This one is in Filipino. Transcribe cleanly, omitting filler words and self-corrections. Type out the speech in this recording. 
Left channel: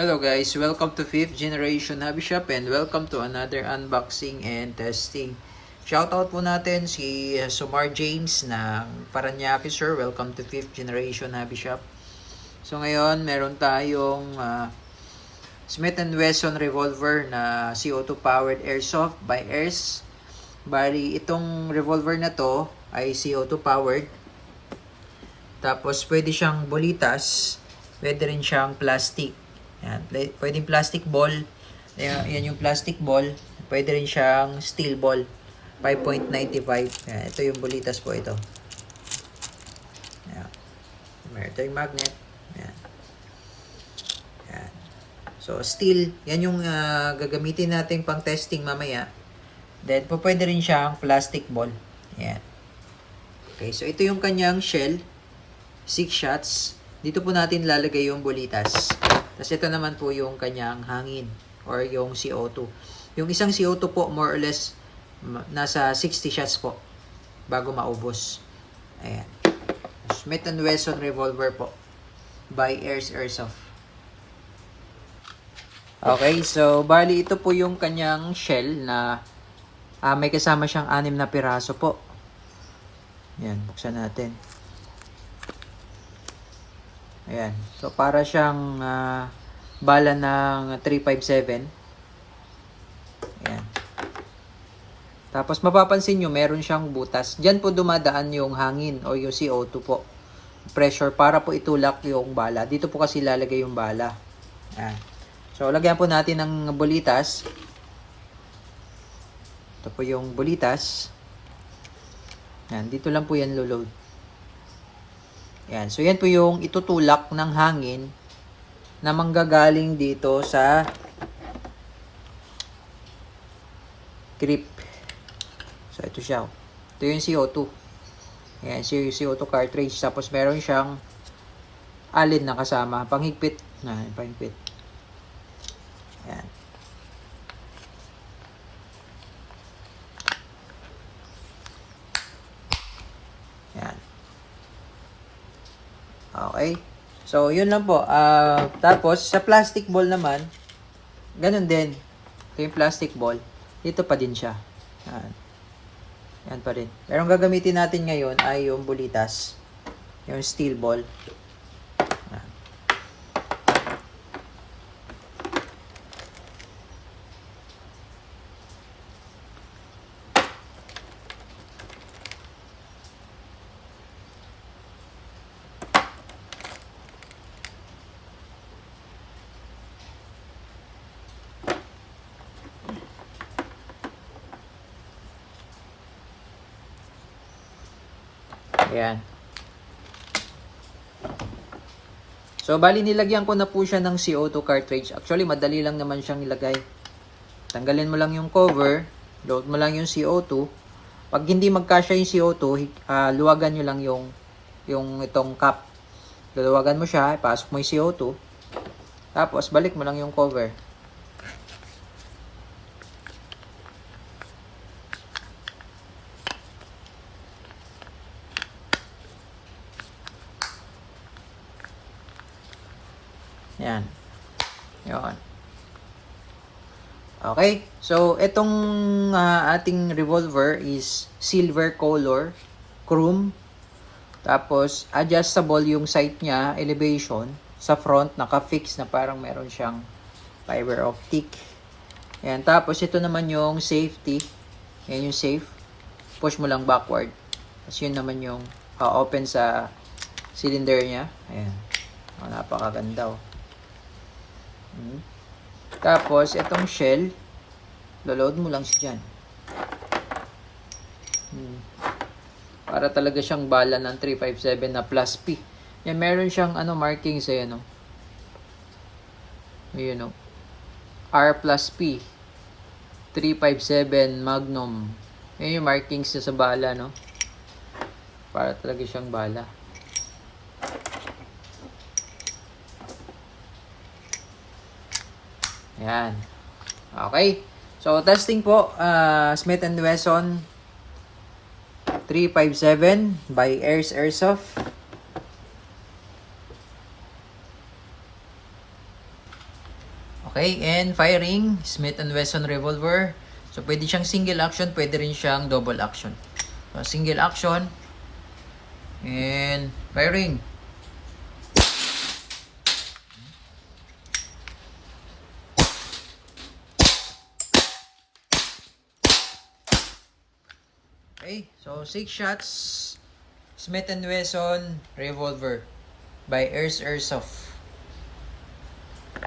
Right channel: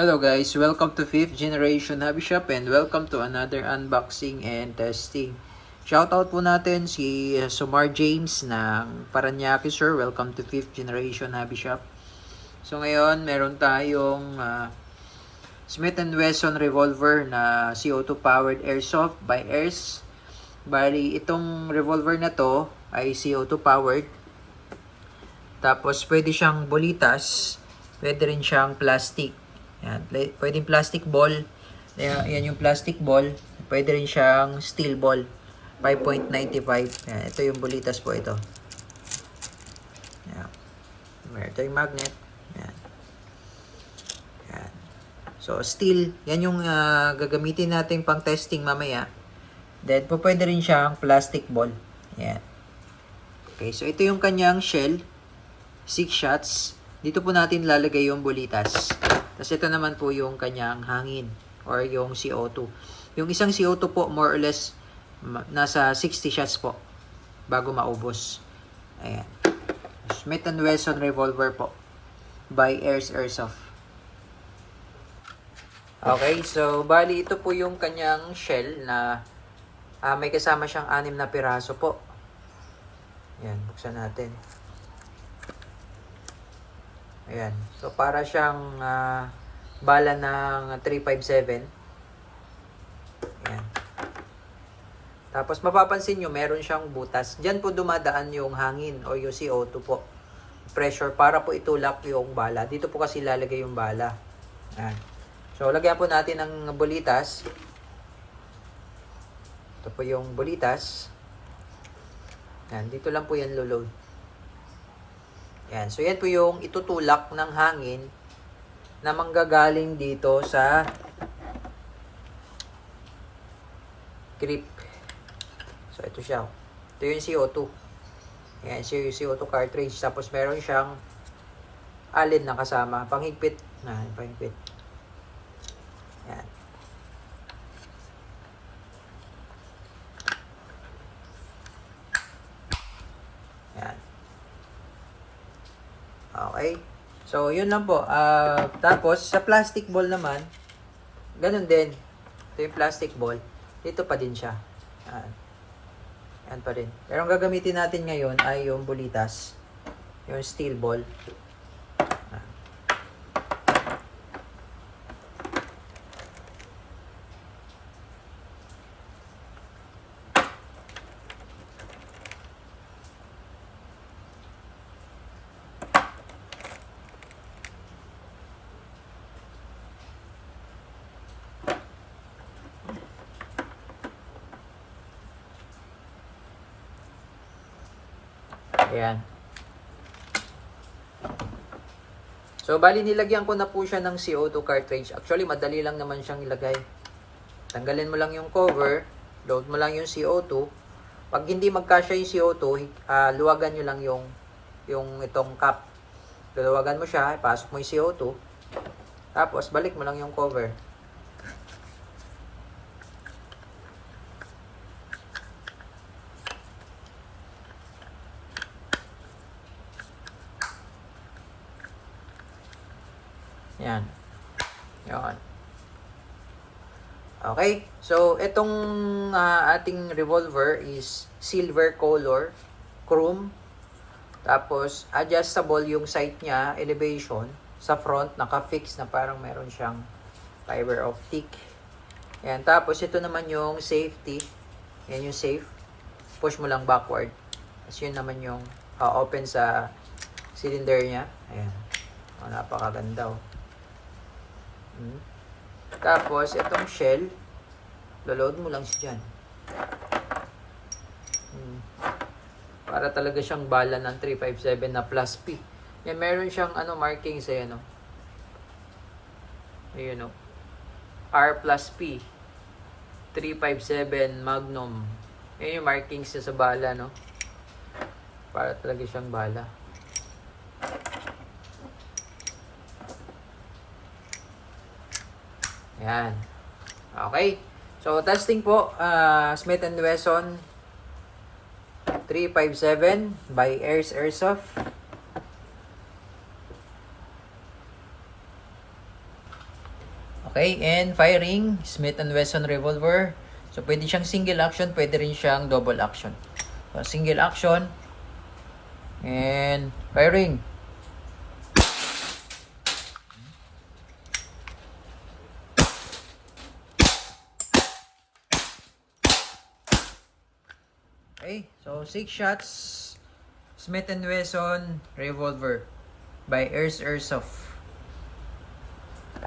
Hello guys, welcome to 5th Generation Hobby Shop and welcome to another unboxing and testing. Shoutout po natin si Sumar James ng Paranaque, sir. Welcome to 5th Generation Hobby Shop. So ngayon, meron tayong Smith & Wesson revolver na CO2 powered airsoft by Airs. Bali, itong revolver na to ay CO2 powered. Tapos pwede siyang bolitas, pwede rin siyang plastic. Yan, pwedeng plastic ball. Yan yung plastic ball. Pwede rin siyang steel ball. 5.95. Yan, ito yung bolitas po ito. Yan. Meron tayong magnet. Yan. Yan. So, steel. Yan yung gagamitin natin pang testing mamaya. Then, pwede rin siyang plastic ball. Yan. Okay, so ito yung kanyang shell. 6 shots. Dito po natin lalagay yung bolitas. Tapos ito naman po yung kanyang hangin or yung CO2. Yung isang CO2 po more or less nasa 60 shots po bago maubos. Ayan. Smith & Wesson revolver po by Airs Airsoft. Okay, so bali ito po yung kanyang shell na may kasama siyang 6 na piraso po. Ayan, buksan natin. Ayan. So, para siyang bala ng 357. Ayan. Tapos, mapapansin nyo, meron siyang butas. Diyan po dumadaan yung hangin o yung CO2 po. Pressure para po itulak yung bala. Dito po kasi lalagay yung bala. Ayan. So, lagyan po natin ng bolitas. Ito po yung bolitas. Ayan. Dito lang po yan lulod. Yan. So, yan po yung itutulak ng hangin na manggagaling dito sa grip. So, ito siya. Ito yung CO2. Yan, CO2 cartridge. Tapos, meron siyang alin na kasama. Panghigpit. Panghigpit. Yan. Yan. Okay. So, yun lang po. Tapos, sa plastic ball naman, ganun din. Ito yung plastic ball. Dito pa din siya. Yan. Yan pa rin. Pero ang gagamitin natin ngayon ay yung bolitas. Yung steel ball. Yan. Ayan. So, bali nilagyan ko na po siya ng CO2 cartridge. Actually, madali lang naman siyang ilagay. Tanggalin mo lang yung cover, load mo lang yung CO2. Pag hindi magkasya yung CO2, luwagan nyo lang yung itong cap. Luwagan mo siya, ipasok mo yung CO2. Tapos, balik mo lang yung cover. Yan. Yan. Okay. So, itong ating revolver is silver color, chrome. Tapos, adjustable yung sight niya, elevation. Sa front, naka-fix na parang meron siyang fiber optic. Yan. Tapos, ito naman yung safety. Yan yung safe. Push mo lang backward. Tapos, yun naman yung open sa cylinder niya. Ayan. Napakaganda. Tapos, itong shell, load mo lang siya dyan. Para talaga siyang bala ng 357 na plus P. Yan, meron siyang marking sa yan. Ayun, R plus P. 357 Magnum. Yan yung markings sa bala, no? Para talaga siyang bala. Yan. Okay. So, testing po. Smith & Wesson 357 by Airs Airsoft. Okay, and firing, Smith & Wesson revolver. So, pwede siyang single action, pwede rin siyang double action. So, single action, and firing. Okay, so 6 shots, Smith & Wesson revolver by Airsoft.